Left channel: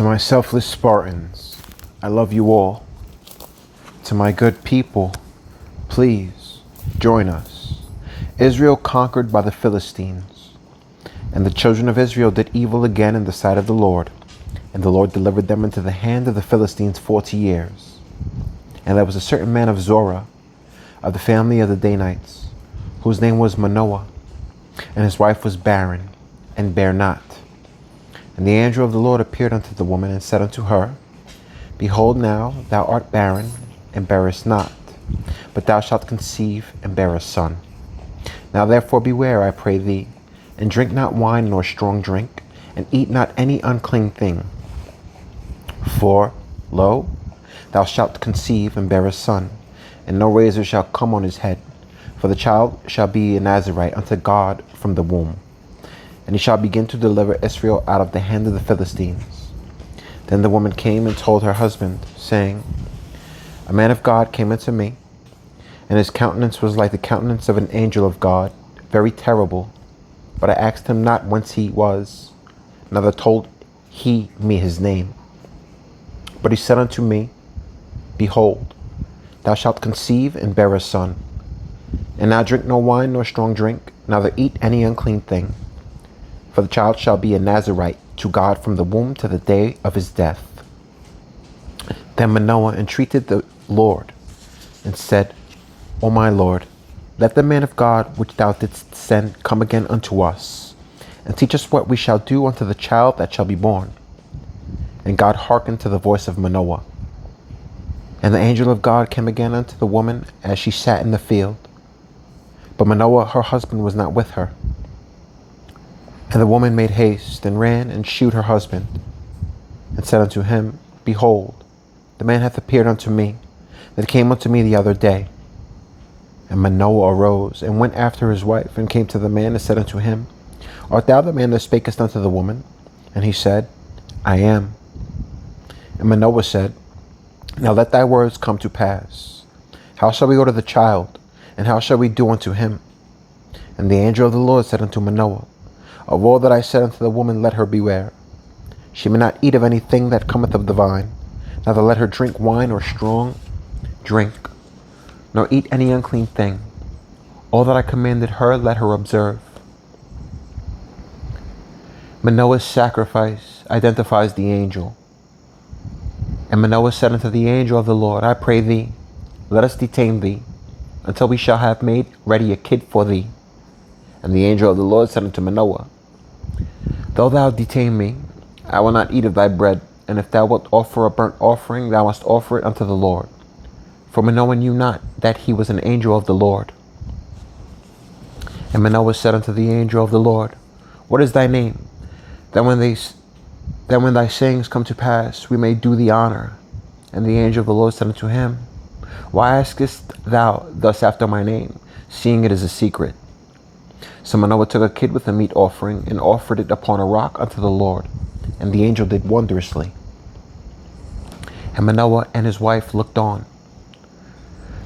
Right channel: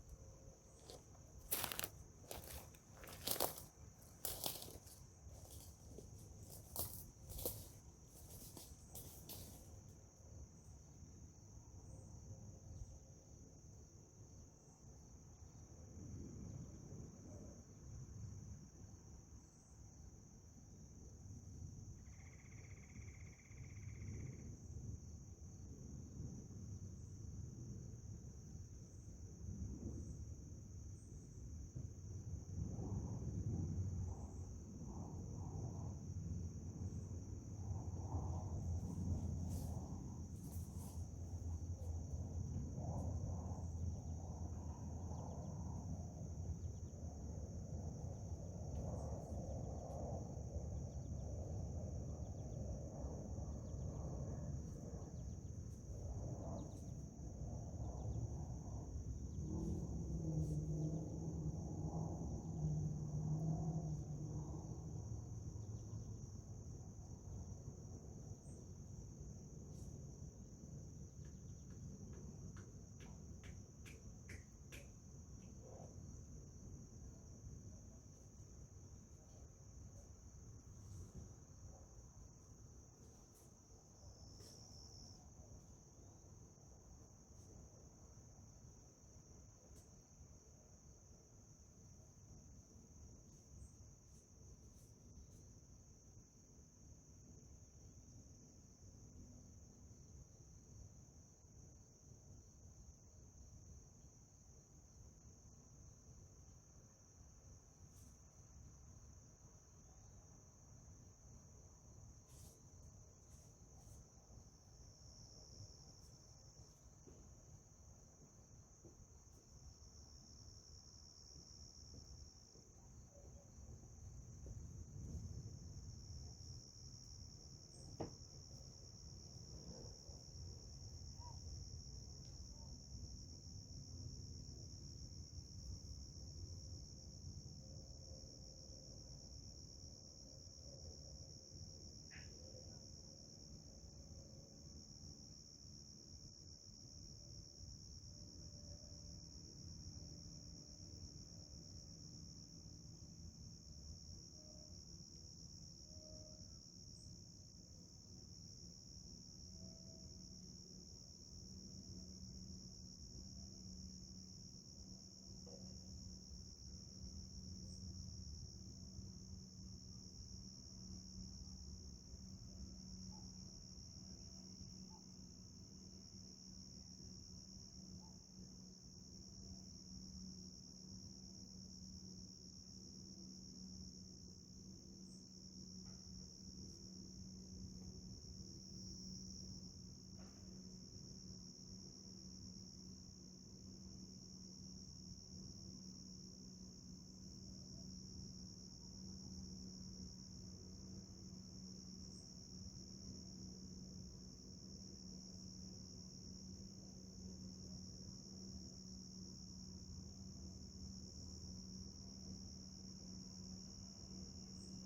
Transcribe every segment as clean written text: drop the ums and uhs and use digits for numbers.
To my selfless Spartans, I love you all. To my good people, please join us. Israel conquered by the Philistines. And the children of Israel did evil again in the sight of the Lord. And the Lord delivered them into the hand of the Philistines 40 years. And there was a certain man of Zorah, of the family of the Danites, whose name was Manoah. And his wife was barren, and bare not. And the angel of the Lord appeared unto the woman, and said unto her, Behold, now thou art barren, and bearest not, but thou shalt conceive, and bear a son. Now therefore beware, I pray thee, and drink not wine nor strong drink, and eat not any unclean thing. For, lo, thou shalt conceive, and bear a son, and no razor shall come on his head, for the child shall be a Nazarite unto God from the womb. And he shall begin to deliver Israel out of the hand of the Philistines. Then the woman came and told her husband, saying, A man of God came unto me, and his countenance was like the countenance of an angel of God, very terrible. But I asked him not whence he was, neither told he me his name. But he said unto me, Behold, thou shalt conceive and bear a son, and now drink no wine nor strong drink, neither eat any unclean thing. For the child shall be a Nazarite to God from the womb to the day of his death. Then Manoah entreated the Lord, and said, O my Lord, let the man of God which thou didst send come again unto us, and teach us what we shall do unto the child that shall be born. And God hearkened to the voice of Manoah. And the angel of God came again unto the woman as she sat in the field. But Manoah her husband was not with her. And the woman made haste, and ran, and shewed her husband, and said unto him, Behold, the man hath appeared unto me, that came unto me the other day. And Manoah arose, and went after his wife, and came to the man, and said unto him, Art thou the man that spakest unto the woman? And he said, I am. And Manoah said, Now let thy words come to pass. How shall we go to the child, and how shall we do unto him? And the angel of the Lord said unto Manoah, Of all that I said unto the woman, let her beware. She may not eat of anything that cometh of the vine, neither let her drink wine or strong drink, nor eat any unclean thing. All that I commanded her, let her observe. Manoah's sacrifice identifies the angel. And Manoah said unto the angel of the Lord, I pray thee, let us detain thee, until we shall have made ready a kid for thee. And the angel of the Lord said unto Manoah, Though thou detain me, I will not eat of thy bread, and if thou wilt offer a burnt offering, thou must offer it unto the Lord. For Manoah knew not that he was an angel of the Lord. And Manoah said unto the angel of the Lord, What is thy name? That when thy sayings come to pass, we may do thee honor. And the angel of the Lord said unto him, Why askest thou thus after my name, seeing it is a secret? So Manoah took a kid with a meat offering, and offered it upon a rock unto the Lord. And the angel did wondrously. And Manoah and his wife looked on.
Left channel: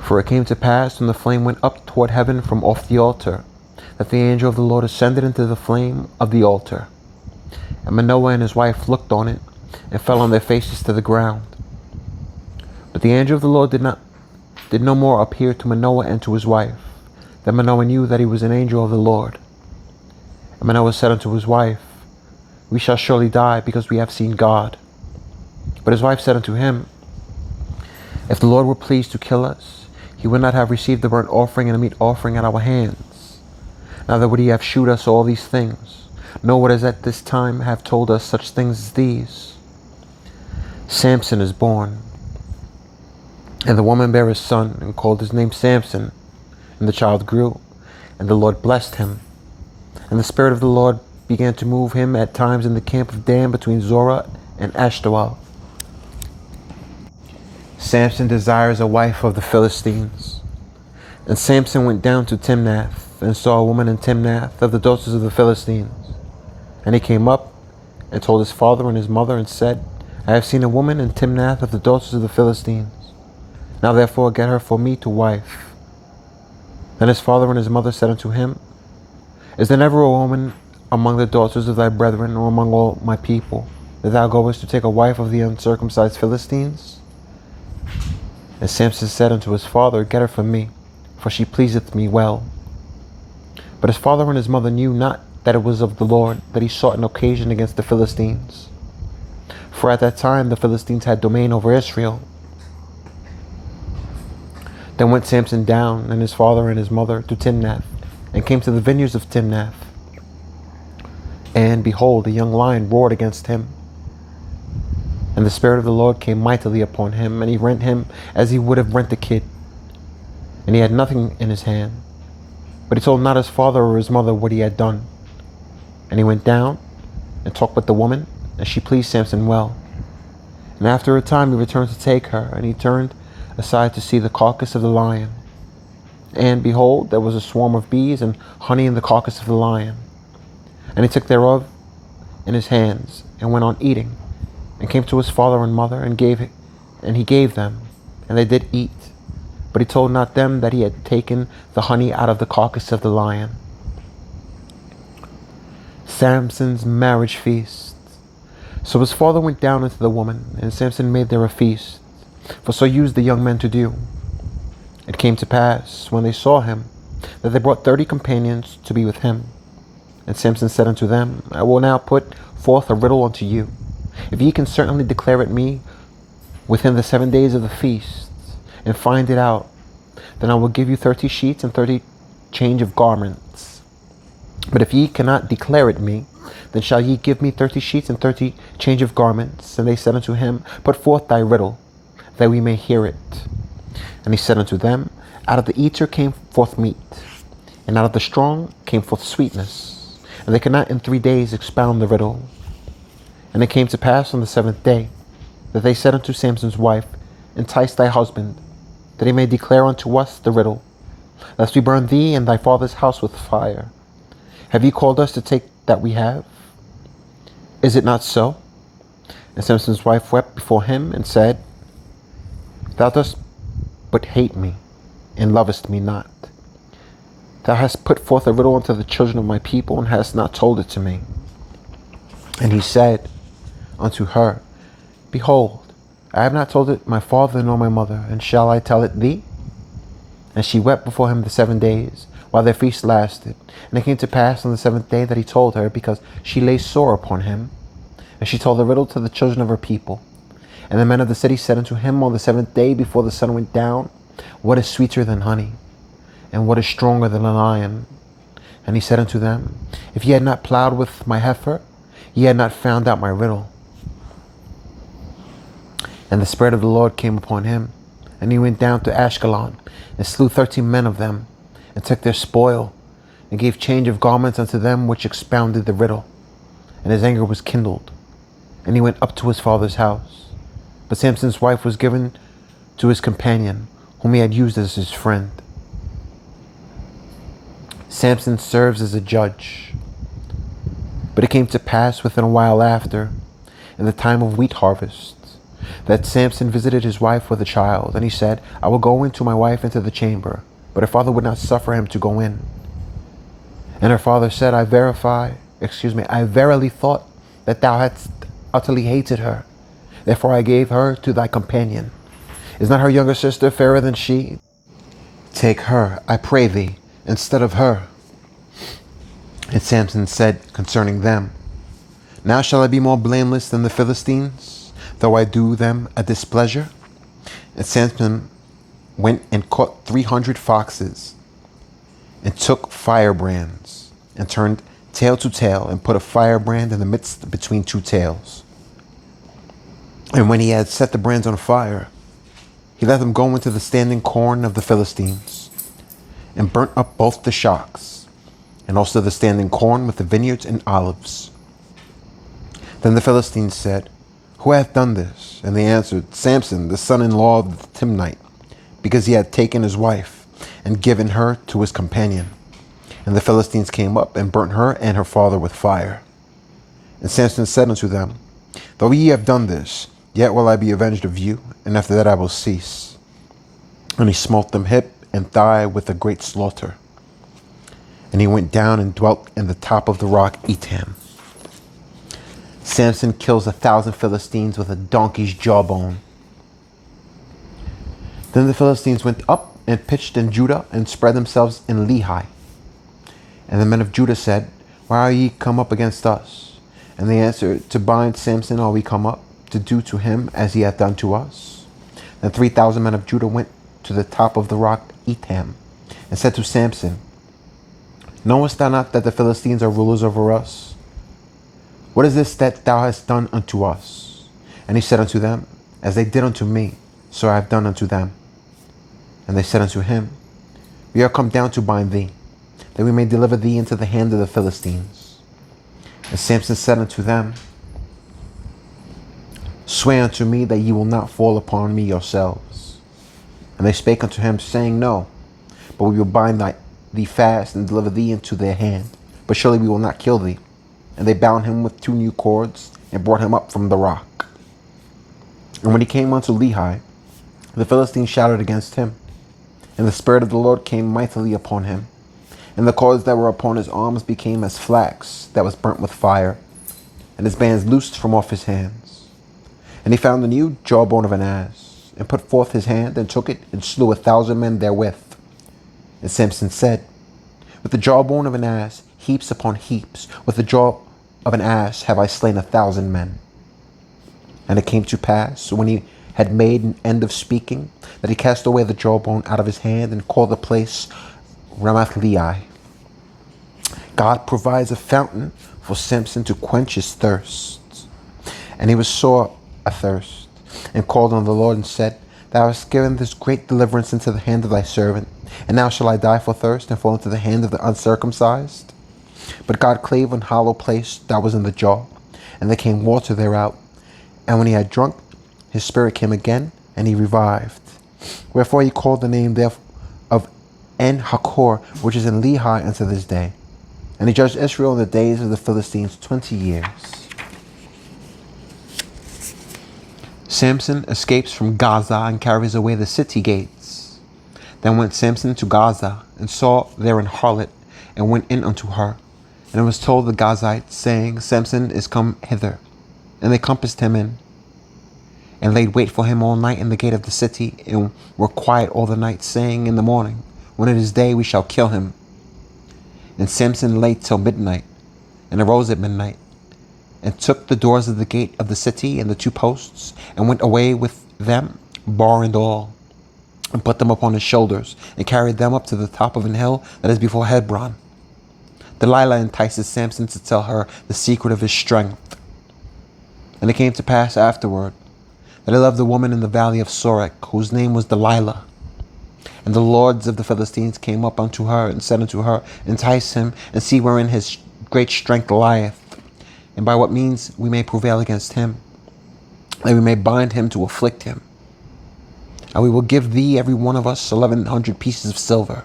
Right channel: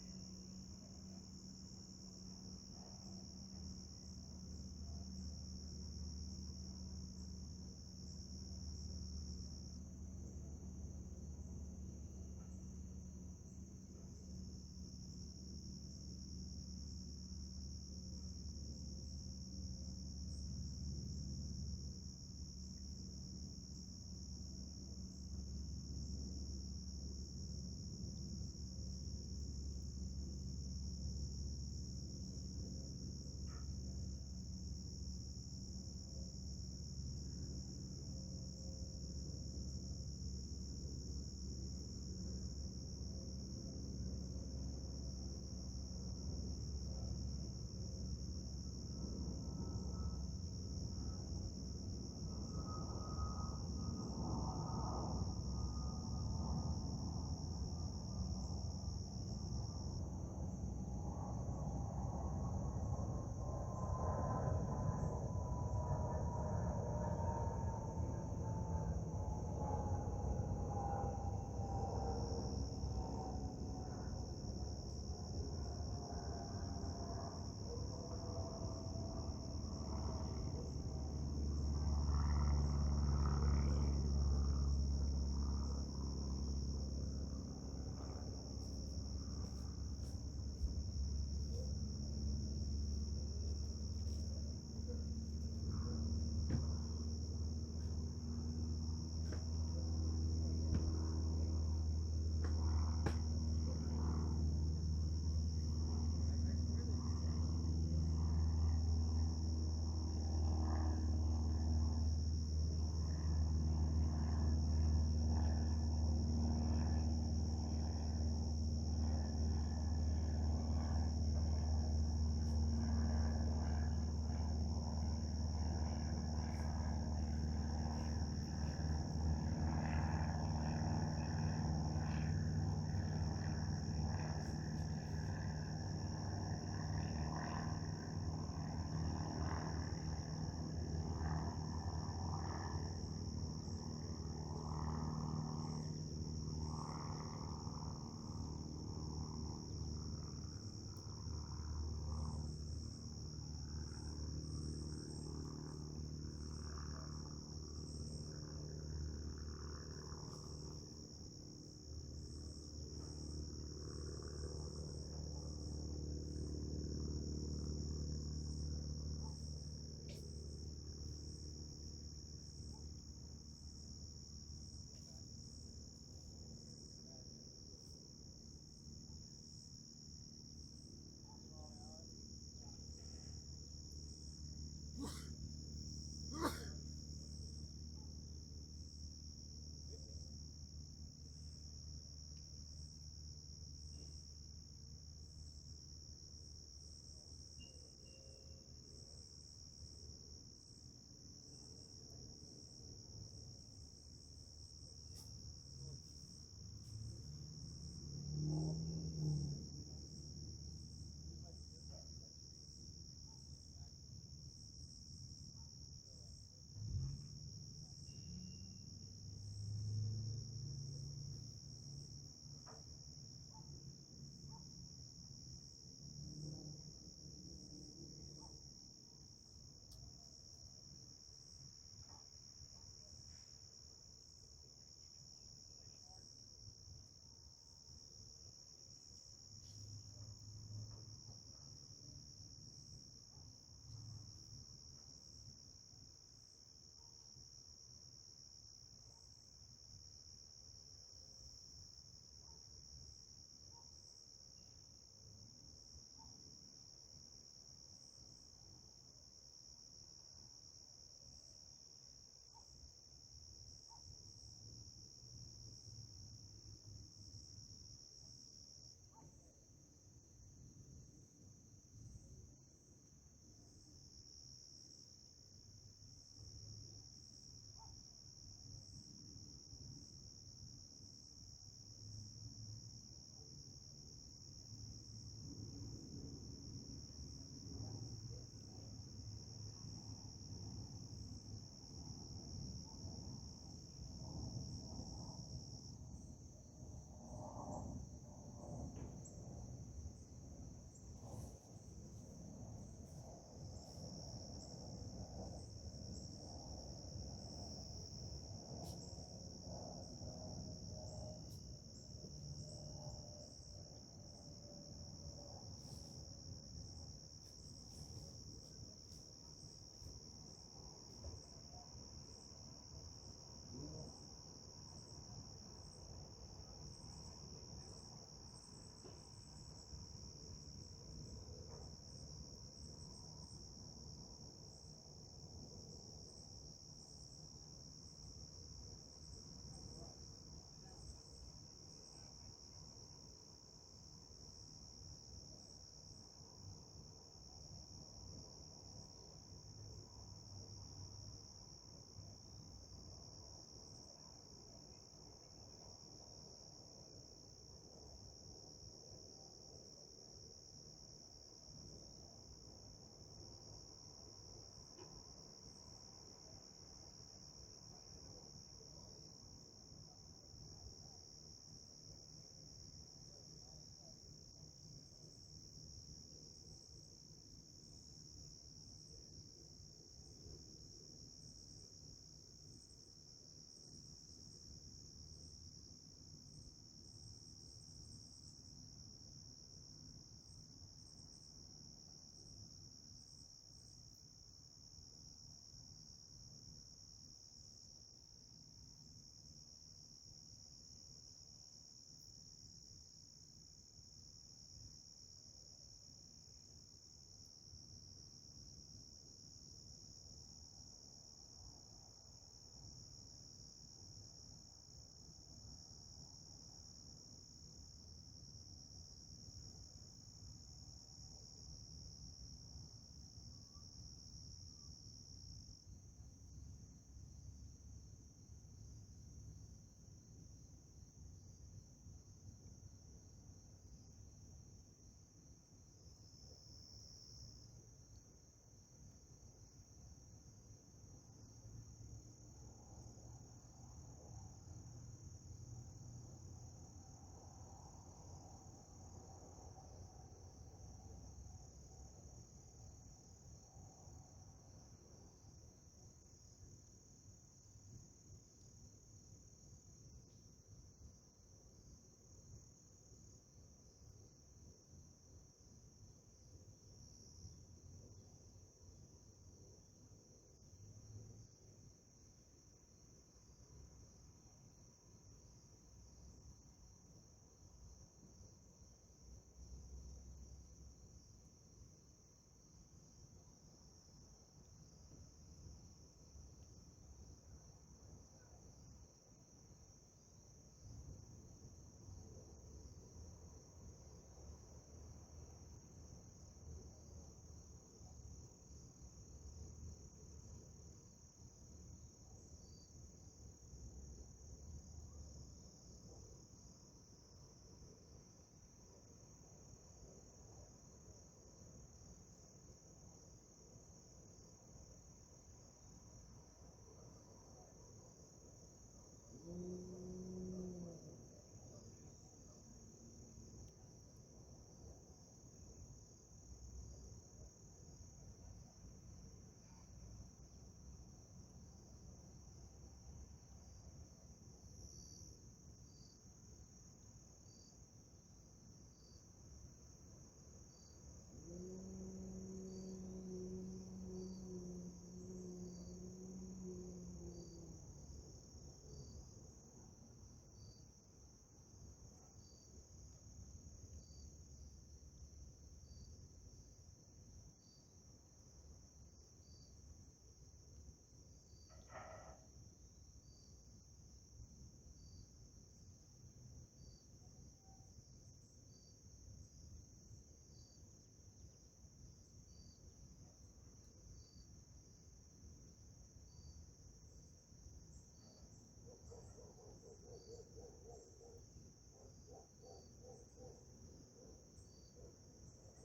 For it came to pass, when the flame went up toward heaven from off the altar, that the angel of the Lord ascended into the flame of the altar. And Manoah and his wife looked on it, and fell on their faces to the ground. But the angel of the Lord did no more appear to Manoah and to his wife. Then Manoah knew that he was an angel of the Lord. And Manoah said unto his wife, We shall surely die, because we have seen God. But his wife said unto him, If the Lord were pleased to kill us, he would not have received the burnt offering and the meat offering at our hands. Neither would he have shewed us all these things, nor would as at this time have told us such things as these. Samson is born. And the woman bare a son, and called his name Samson. And the child grew, and the Lord blessed him. And the Spirit of the Lord began to move him at times in the camp of Dan between Zorah and Ashtaol. Samson desires a wife of the Philistines. And Samson went down to Timnath, and saw a woman in Timnath of the daughters of the Philistines. And he came up, and told his father and his mother, and said, I have seen a woman in Timnath of the daughters of the Philistines. Now therefore get her for me to wife. Then his father and his mother said unto him, Is there never a woman among the daughters of thy brethren, or among all my people? that thou goest to take a wife of the uncircumcised Philistines? And Samson said unto his father, Get her from me, for she pleaseth me well. But his father and his mother knew not that it was of the Lord that he sought an occasion against the Philistines. For at that time the Philistines had domain over Israel. Then went Samson down, and his father and his mother, to Timnath, and came to the vineyards of Timnath. And behold, a young lion roared against him. And the Spirit of the Lord came mightily upon him, and he rent him as he would have rent a kid. And he had nothing in his hand, but he told not his father or his mother what he had done. And he went down and talked with the woman, and she pleased Samson well. And after a time he returned to take her, and he turned aside to see the carcass of the lion. And behold, there was a swarm of bees and honey in the carcass of the lion. And he took thereof in his hands, and went on eating, and came to his father and mother, and he gave them, and they did eat. But he told not them that he had taken the honey out of the carcass of the lion. Samson's marriage feast. So his father went down unto the woman, and Samson made there a feast, for so used the young men to do. It came to pass, when they saw him, that they brought 30 companions to be with him. And Samson said unto them, I will now put forth a riddle unto you. If ye can certainly declare it me within the 7 days of the feast, and find it out, then I will give you 30 sheets and 30 change of garments. But if ye cannot declare it me, then shall ye give me 30 sheets and 30 change of garments. And they said unto him, Put forth thy riddle, that we may hear it. And he said unto them, Out of the eater came forth meat, and out of the strong came forth sweetness. And they could not in 3 days expound the riddle. And it came to pass on the 7th day, that they said unto Samson's wife, Entice thy husband, that he may declare unto us the riddle, lest we burn thee and thy father's house with fire. Have ye called us to take that we have? Is it not so? And Samson's wife wept before him, and said, Thou dost but hate me, and lovest me not. Thou hast put forth a riddle unto the children of my people, and hast not told it to me. And he said unto her, Behold, I have not told it my father nor my mother, and shall I tell it thee? And she wept before him the 7 days, while their feast lasted. And it came to pass on the 7th day that he told her, because she lay sore upon him. And she told the riddle to the children of her people. And the men of the city said unto him on the 7th day before the sun went down, What is sweeter than honey? And what is stronger than a lion? And he said unto them, If ye had not plowed with my heifer, ye had not found out my riddle. And the Spirit of the Lord came upon him, and he went down to Ashkelon, and slew 13 men of them, and took their spoil, and gave change of garments unto them which expounded the riddle. And his anger was kindled, and he went up to his father's house. But Samson's wife was given to his companion, whom he had used as his friend. Samson serves as a judge. But it came to pass within a while after, in the time of wheat harvest, that Samson visited his wife with a child, and he said, I will go in to my wife into the chamber. But her father would not suffer him to go in. And her father said, I verily thought that thou hadst utterly hated her. Therefore I gave her to thy companion. Is not her younger sister fairer than she? Take her, I pray thee, instead of her. And Samson said concerning them, Now shall I be more blameless than the Philistines, though I do them a displeasure? And Samson went and caught 300 foxes, and took firebrands, and turned tail to tail, and put a firebrand in the midst between 2 tails. And when he had set the brands on fire, he let them go into the standing corn of the Philistines, and burnt up both the shocks, and also the standing corn with the vineyards and olives. Then the Philistines said, Who hath done this? And they answered, Samson, the son-in-law of the Timnite, because he had taken his wife, and given her to his companion. And the Philistines came up, and burnt her and her father with fire. And Samson said unto them, Though ye have done this, yet will I be avenged of you, and after that I will cease. And he smote them hip and thigh with a great slaughter. And he went down and dwelt in the top of the rock Etam. Samson kills 1,000 Philistines with a donkey's jawbone. Then the Philistines went up and pitched in Judah and spread themselves in Lehi. And the men of Judah said, Why are ye come up against us? And they answered, To bind Samson are we come up, to do to him as he hath done to us. Then 3,000 men of Judah went to the top of the rock Etham, and said to Samson, Knowest thou not that the Philistines are rulers over us? What is this that thou hast done unto us? And he said unto them, As they did unto me, so I have done unto them. And they said unto him, We are come down to bind thee, that we may deliver thee into the hand of the Philistines. And Samson said unto them, Swear unto me that ye will not fall upon me yourselves. And they spake unto him, saying, No, but we will bind thee fast and deliver thee into their hand. But surely we will not kill thee. And they bound him with 2 new cords and brought him up from the rock. And when he came unto Lehi, the Philistines shouted against him. And the Spirit of the Lord came mightily upon him. And the cords that were upon his arms became as flax that was burnt with fire. And his bands loosed from off his hands. And he found the new jawbone of an ass, and put forth his hand, and took it, and slew 1,000 men therewith. And Samson said, With the jawbone of an ass, heaps upon heaps, with the jaw of an ass have I slain 1,000 men. And it came to pass, when he had made an end of speaking, that he cast away the jawbone out of his hand, and called the place Ramath-lehi. God provides a fountain for Samson to quench his thirst. And he was sore athirst, and called on the Lord, and said, Thou hast given this great deliverance into the hand of thy servant, and now shall I die for thirst, and fall into the hand of the uncircumcised? But God clave an hollow place that was in the jaw, and there came water thereout. And when he had drunk, his spirit came again, and he revived. Wherefore he called the name therefore of En-hakkore, which is in Lehi unto this day. And he judged Israel in the days of the Philistines 20 years. Samson escapes from Gaza and carries away the city gates. Then went Samson to Gaza, and saw there an harlot, and went in unto her. And it was told the Gazites, saying, Samson is come hither. And they compassed him in, and laid wait for him all night in the gate of the city, and were quiet all the night, saying, In the morning, when it is day, we shall kill him. And Samson lay till midnight, and arose at midnight, and took the doors of the gate of the city and the 2 posts, and went away with them, bar and all, and put them upon his shoulders, and carried them up to the top of an hill that is before Hebron. Delilah entices Samson to tell her the secret of his strength. And it came to pass afterward that he loved a woman in the valley of Sorek, whose name was Delilah. And the lords of the Philistines came up unto her, and said unto her, Entice him, and see wherein his great strength lieth, and by what means we may prevail against him, that we may bind him to afflict him. And we will give thee every one of us 1,100 pieces of silver.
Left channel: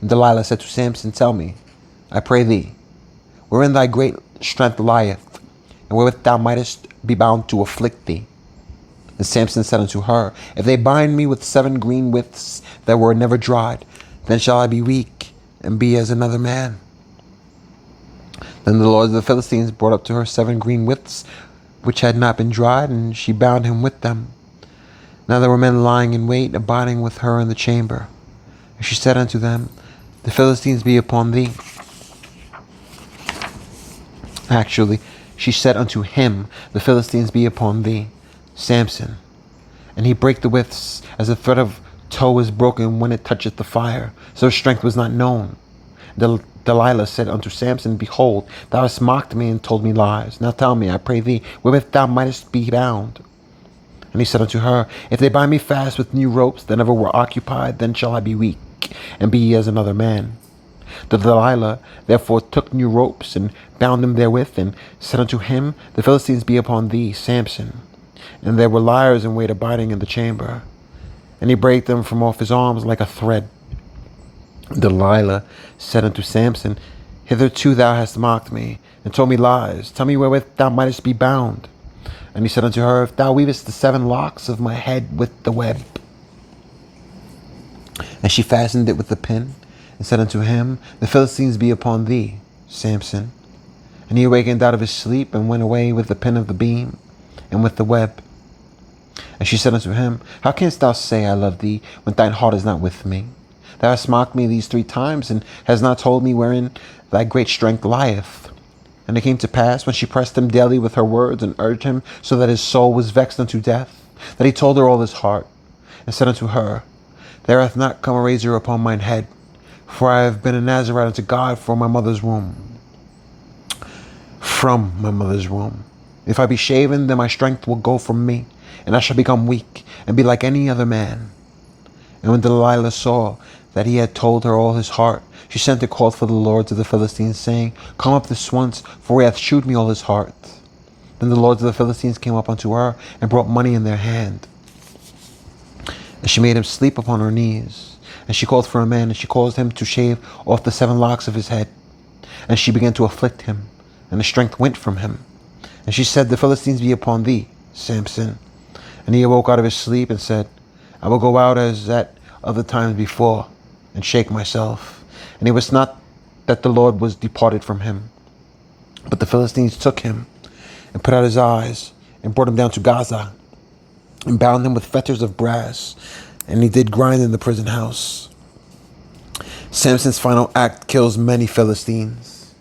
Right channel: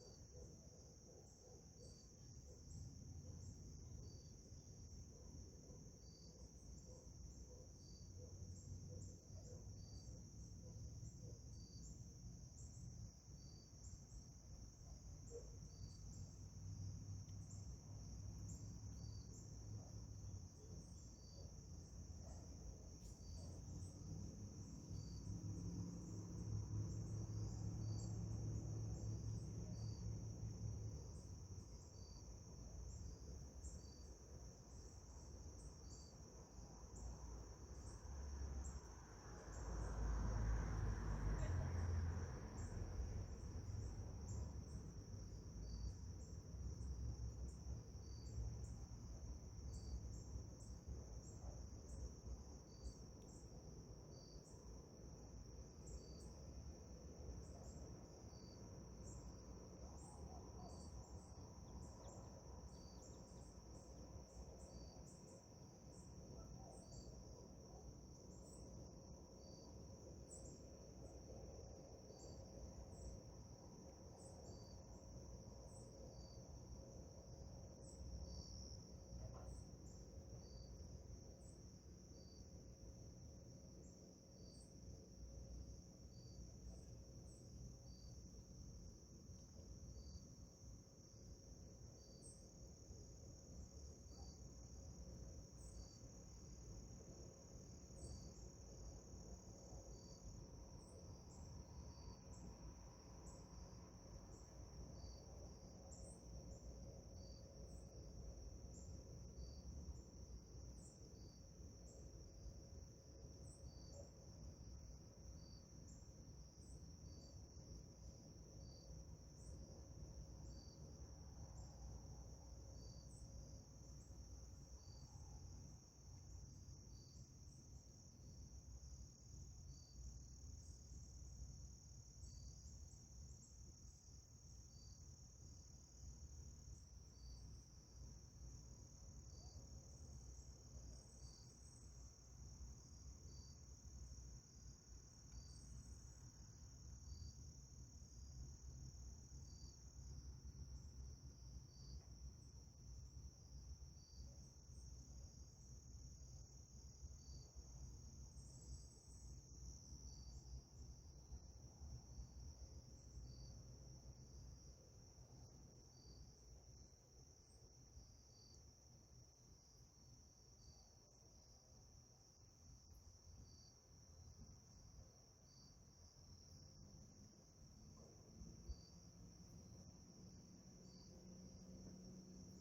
And Delilah said to Samson, Tell me, I pray thee, wherein thy great strength lieth, and wherewith thou mightest be bound to afflict thee. And Samson said unto her, If they bind me with 7 green withs that were never dried, then shall I be weak, and be as another man. Then the lords of the Philistines brought up to her 7 green withs, which had not been dried, and she bound him with them. Now there were men lying in wait, abiding with her in the chamber. And she said unto them, The Philistines be upon thee. Actually, she said unto him, The Philistines be upon thee, Samson. And he brake the withs, as a thread of tow is broken when it toucheth the fire. So her strength was not known. Delilah said unto Samson, Behold, thou hast mocked me and told me lies. Now tell me, I pray thee, wherewith thou mightest be bound. And he said unto her, If they bind me fast with new ropes that never were occupied, then shall I be weak, and be as another man. The Delilah therefore took new ropes, and bound him therewith, and said unto him, The Philistines be upon thee, Samson. And there were liars in wait abiding in the chamber. And he brake them from off his arms like a thread. Delilah said unto Samson, Hitherto thou hast mocked me, and told me lies. Tell me wherewith thou mightest be bound. And he said unto her, If thou weavest the 7 locks of my head with the web. And she fastened it with the pin, and said unto him, The Philistines be upon thee, Samson. And he awakened out of his sleep, and went away with the pin of the beam, and with the web. And she said unto him, How canst thou say, I love thee, when thine heart is not with me? Thou hast mocked me these 3 times, and hast not told me wherein thy great strength lieth. And it came to pass, when she pressed him daily with her words, and urged him so that his soul was vexed unto death, that he told her all his heart, and said unto her, There hath not come a razor upon mine head, for I have been a Nazarite unto God from my mother's womb. From my mother's womb. If I be shaven, then my strength will go from me, and I shall become weak, and be like any other man. And when Delilah saw that he had told her all his heart, she sent and called for the lords of the Philistines, saying, Come up this once, for he hath shewed me all his heart. Then the lords of the Philistines came up unto her, and brought money in their hand. And she made him sleep upon her knees. And she called for a man, and she caused him to shave off the 7 locks of his head. And she began to afflict him, and the strength went from him. And she said, The Philistines be upon thee, Samson. And he awoke out of his sleep, and said, I will go out as at other times before, and shake myself. And it was not that the Lord was departed from him, but the Philistines took him, and put out his eyes, and brought him down to Gaza, and bound him with fetters of brass, and he did grind in the prison house. Samson's final act kills many Philistines.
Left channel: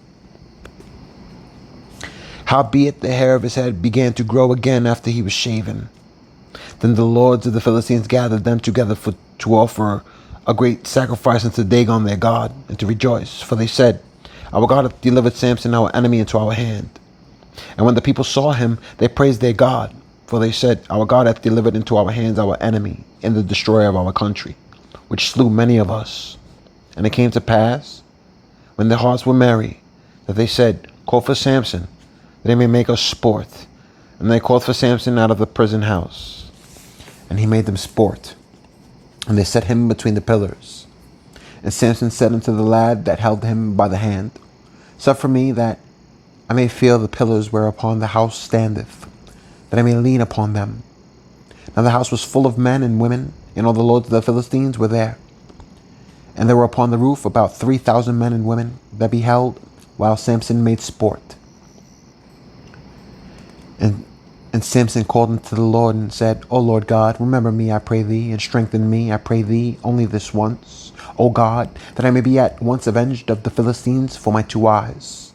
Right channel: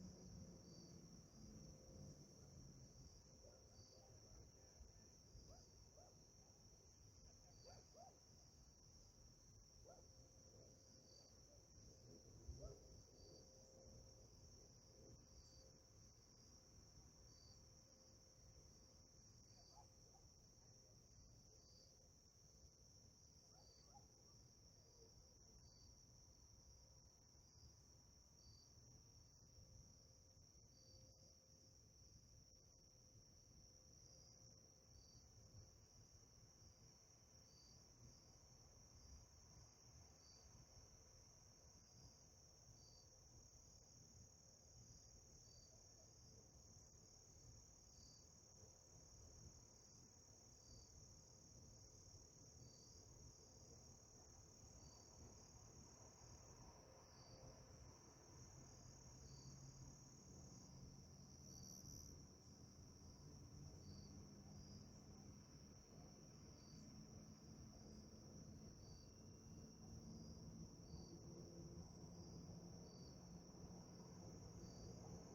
Howbeit the hair of his head began to grow again after he was shaven. Then the lords of the Philistines gathered them together to offer a great sacrifice unto Dagon their god, and to rejoice. For they said, Our God hath delivered Samson our enemy into our hand. And when the people saw him, they praised their God. For they said, Our God hath delivered into our hands our enemy, and the destroyer of our country, which slew many of us. And it came to pass, when their hearts were merry, that they said, Call for Samson, that they may make us sport. And they called for Samson out of the prison house. And he made them sport. And they set him between the pillars. And Samson said unto the lad that held him by the hand, Suffer me that I may feel the pillars whereupon the house standeth, that I may lean upon them. Now the house was full of men and women, and all the lords of the Philistines were there. And there were upon the roof about 3,000 men and women that beheld, while Samson made sport. And Samson called unto the Lord and said, O Lord God, remember me, I pray thee, and strengthen me, I pray thee, only this once, O God, that I may be at once avenged of the Philistines for my 2 eyes.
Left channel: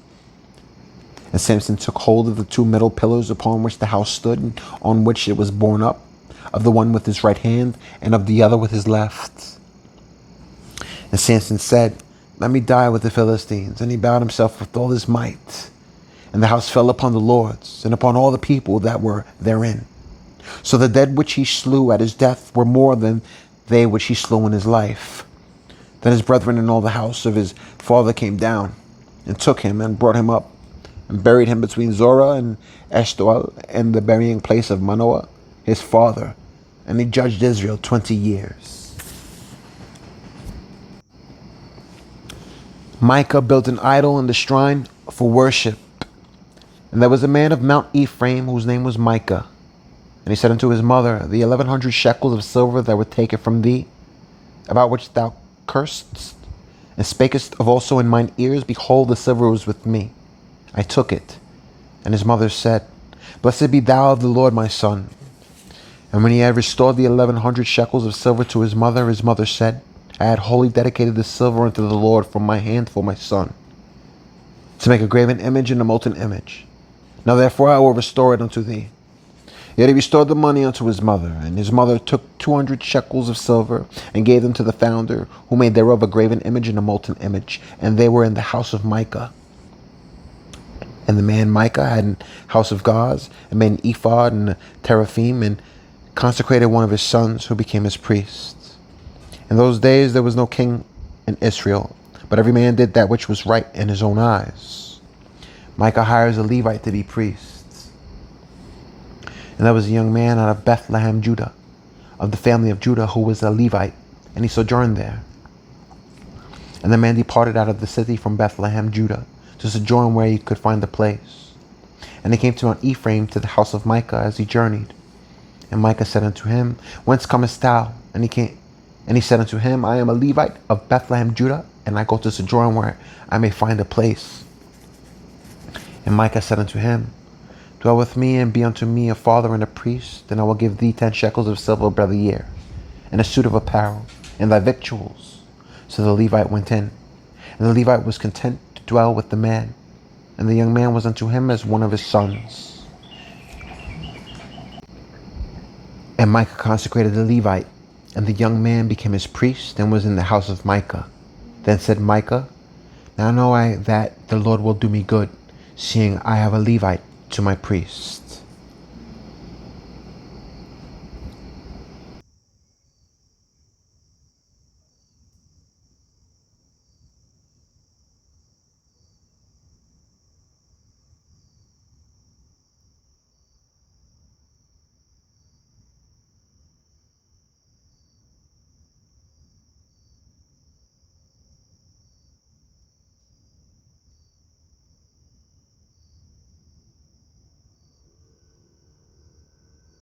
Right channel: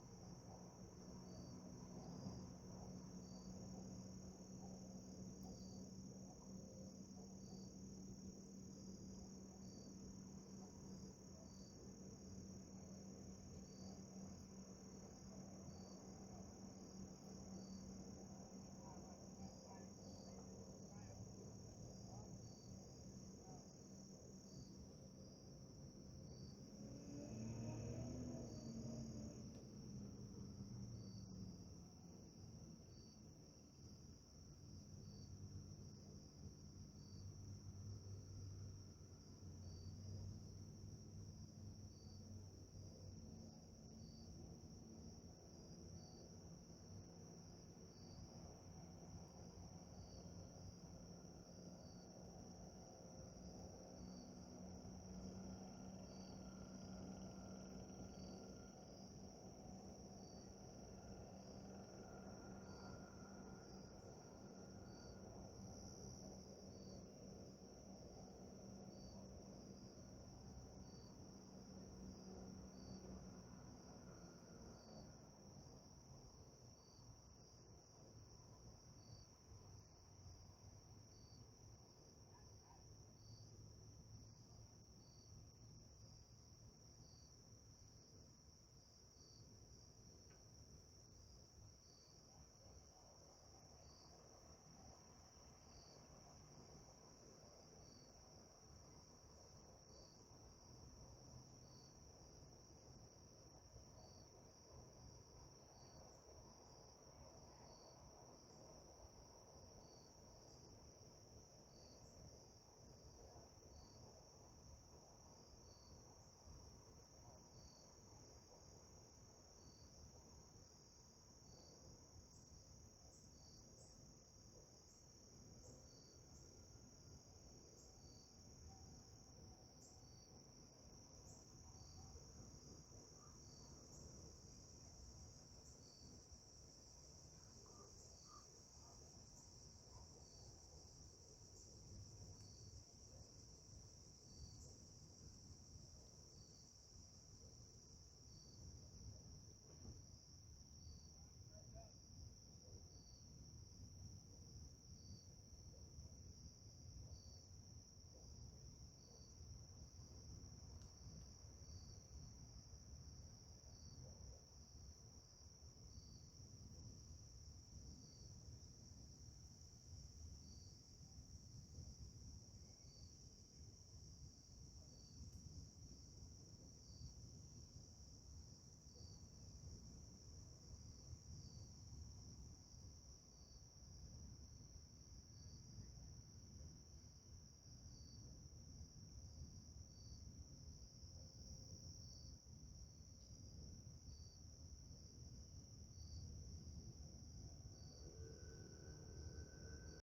And Samson took hold of the 2 middle pillars upon which the house stood, and on which it was borne up, of the one with his right hand, and of the other with his left. And Samson said, Let me die with the Philistines. And he bowed himself with all his might. And the house fell upon the lords, and upon all the people that were therein. So the dead which he slew at his death were more than they which he slew in his life. Then his brethren and all the house of his father came down, and took him, and brought him up, and buried him between Zorah and Eshtaol, and the burying place of Manoah, his father. And he judged Israel 20 years. Micah built an idol in the shrine for worship. And there was a man of Mount Ephraim, whose name was Micah. And he said unto his mother, The 1,100 shekels of silver that were taken from thee, about which thou cursedst, and spakest of also in mine ears, behold, the silver was with me. I took it. And his mother said, Blessed be thou of the Lord, my son. And when he had restored the 1,100 shekels of silver to his mother said, I had wholly dedicated the silver unto the Lord from my hand for my son, to make a graven image and a molten image. Now therefore I will restore it unto thee. Yet he restored the money unto his mother, and his mother took 200 shekels of silver, and gave them to the founder, who made thereof a graven image and a molten image, and they were in the house of Micah. And the man Micah had an house of gods, and made an ephod and a teraphim, and consecrated one of his sons, who became his priest. In those days there was no king in Israel, but every man did that which was right in his own eyes. Micah hires a Levite to be priest. And there was a young man out of Bethlehem, Judah, of the family of Judah, who was a Levite, and he sojourned there. And the man departed out of the city from Bethlehem, Judah, to sojourn where he could find a place. And he came to Mount Ephraim, to the house of Micah, as he journeyed. And Micah said unto him, Whence comest thou? And he said unto him, I am a Levite of Bethlehem, Judah, and I go to sojourn where I may find a place. And Micah said unto him, Dwell with me, and be unto me a father and a priest, and I will give thee 10 shekels of silver by the year, and a suit of apparel, and thy victuals. So the Levite went in, and the Levite was content to dwell with the man, and the young man was unto him as one of his sons. And Micah consecrated the Levite, and the young man became his priest, and was in the house of Micah. Then said Micah, Now know I that the Lord will do me good, seeing I have a Levite to my priest.